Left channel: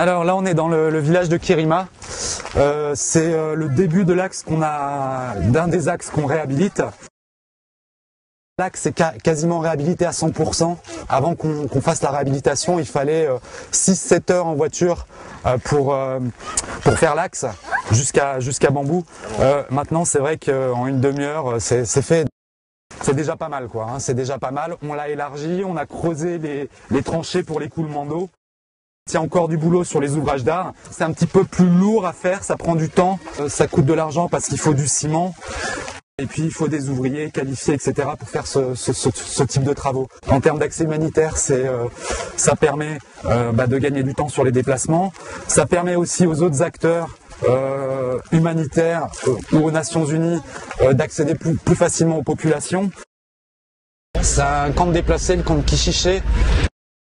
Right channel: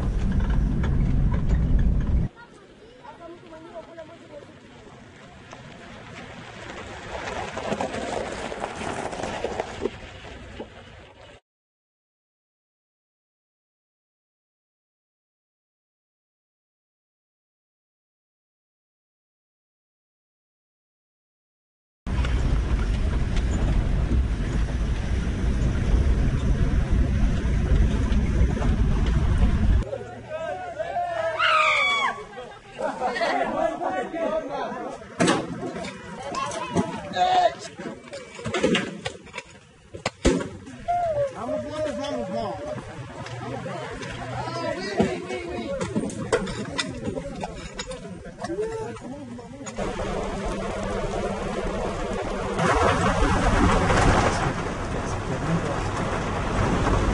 Alors là on est dans le village de Kirima. C'est le début de l'axe d'un des axes qu'on réhabilite. L'axe est quasiment réhabilité à 100%. Avant qu'on fasse la réhabilitation, il fallait 6-7 heures en voiture pour faire l'axe jusqu'à Bambou. Maintenant c'est vrai qu'en une demi-heure c'est fait. C'est déjà pas mal quoi, hein, c'est déjà pas mal. On l'a élargi, on a creusé des tranchées pour l'écoulement d'eau. Il y a encore du boulot sur les ouvrages d'art. C'est un petit peu plus lourd à faire, ça prend du temps, ça coûte de l'argent parce qu'il faut du ciment. Et puis il faut des ouvriers qualifiés, etc. pour faire ce type de travaux. En termes d'accès humanitaire, ça permet de gagner du temps sur les déplacements. Ça permet aussi aux autres acteurs humanitaires ou aux Nations Unies d'accéder plus facilement aux populations. C'est un camp de déplacés, le camp de Kichiché.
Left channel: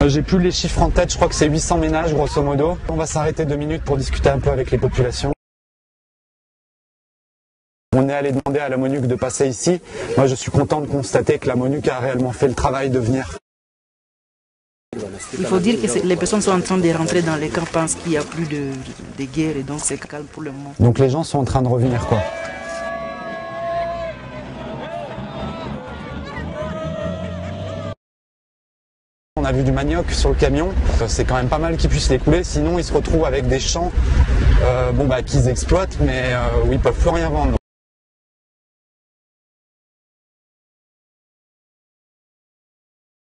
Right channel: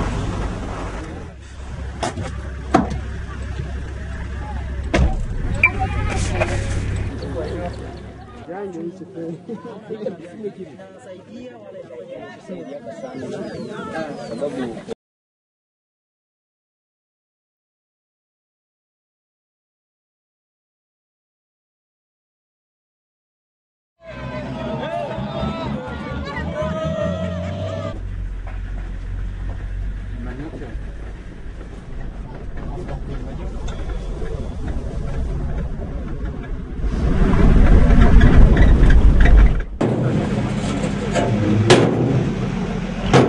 J'ai plus les chiffres en tête, je crois que c'est 800 ménages grosso modo. On va s'arrêter 2 minutes pour discuter un peu avec les populations. On est allé demander à la MONUC de passer ici. Moi je suis content de constater que la MONUC a réellement fait le travail de venir. Il faut dire que les personnes sont en train de rentrer dans les camps, pensent qu'il n'y a plus de guerre et donc c'est calme pour le moment. Donc les gens sont en train de revenir quoi. On a vu du manioc sur le camion, c'est quand même pas mal qu'ils puissent l'écouler, sinon ils se retrouvent avec des champs qu'ils exploitent mais où ils peuvent plus rien vendre.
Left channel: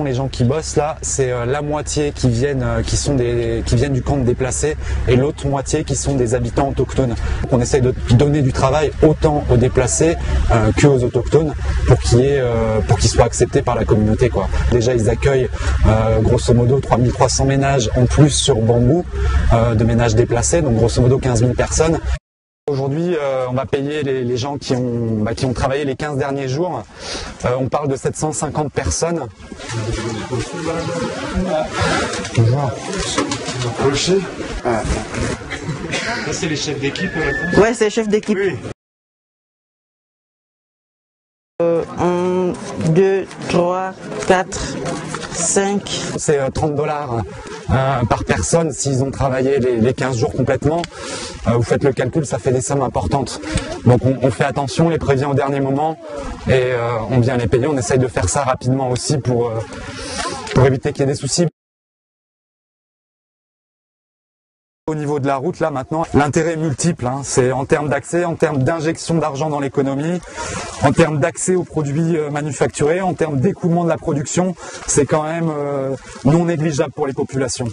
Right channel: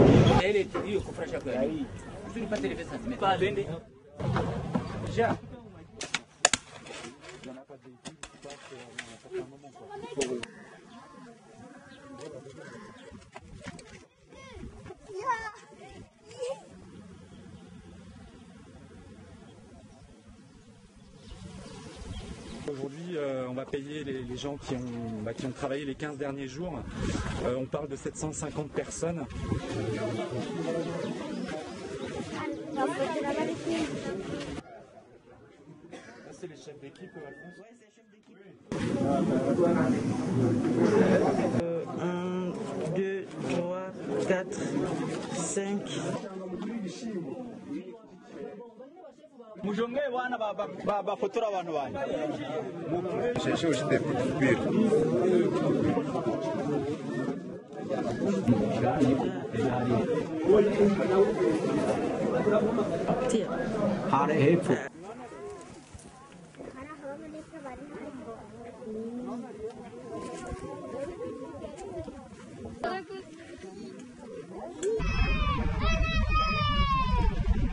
Les gens qui bossent là, c'est la moitié qui viennent du camp de déplacés et l'autre moitié qui sont des habitants autochtones. Donc on essaye de donner du travail autant aux déplacés qu'aux autochtones pour qu'ils soient acceptés par la communauté quoi. Déjà ils accueillent grosso modo 3300 ménages en plus sur Bambou de ménages déplacés, donc grosso modo 15 000 personnes. Aujourd'hui, on va payer les gens qui ont travaillé les 15 derniers jours. On parle de 750 personnes. Bonjour. Rocher. Ça, c'est les chefs d'équipe. Ouais, c'est les chefs d'équipe. Oui. 1, 2, 3, 4, 5. C'est 30 $ par personne s'ils ont travaillé les 15 jours complètement. Vous faites le calcul, ça fait des sommes importantes. Donc on fait attention, on les prévient au dernier moment et on vient les payer. On essaye de faire ça rapidement aussi pour éviter qu'il y ait des soucis. Au niveau de la route, là maintenant, l'intérêt est multiple. Hein. C'est en termes d'accès, en termes d'injection d'argent dans l'économie, en termes d'accès aux produits manufacturés, en termes d'écoulement de la production. C'est quand même non négligeable pour les populations.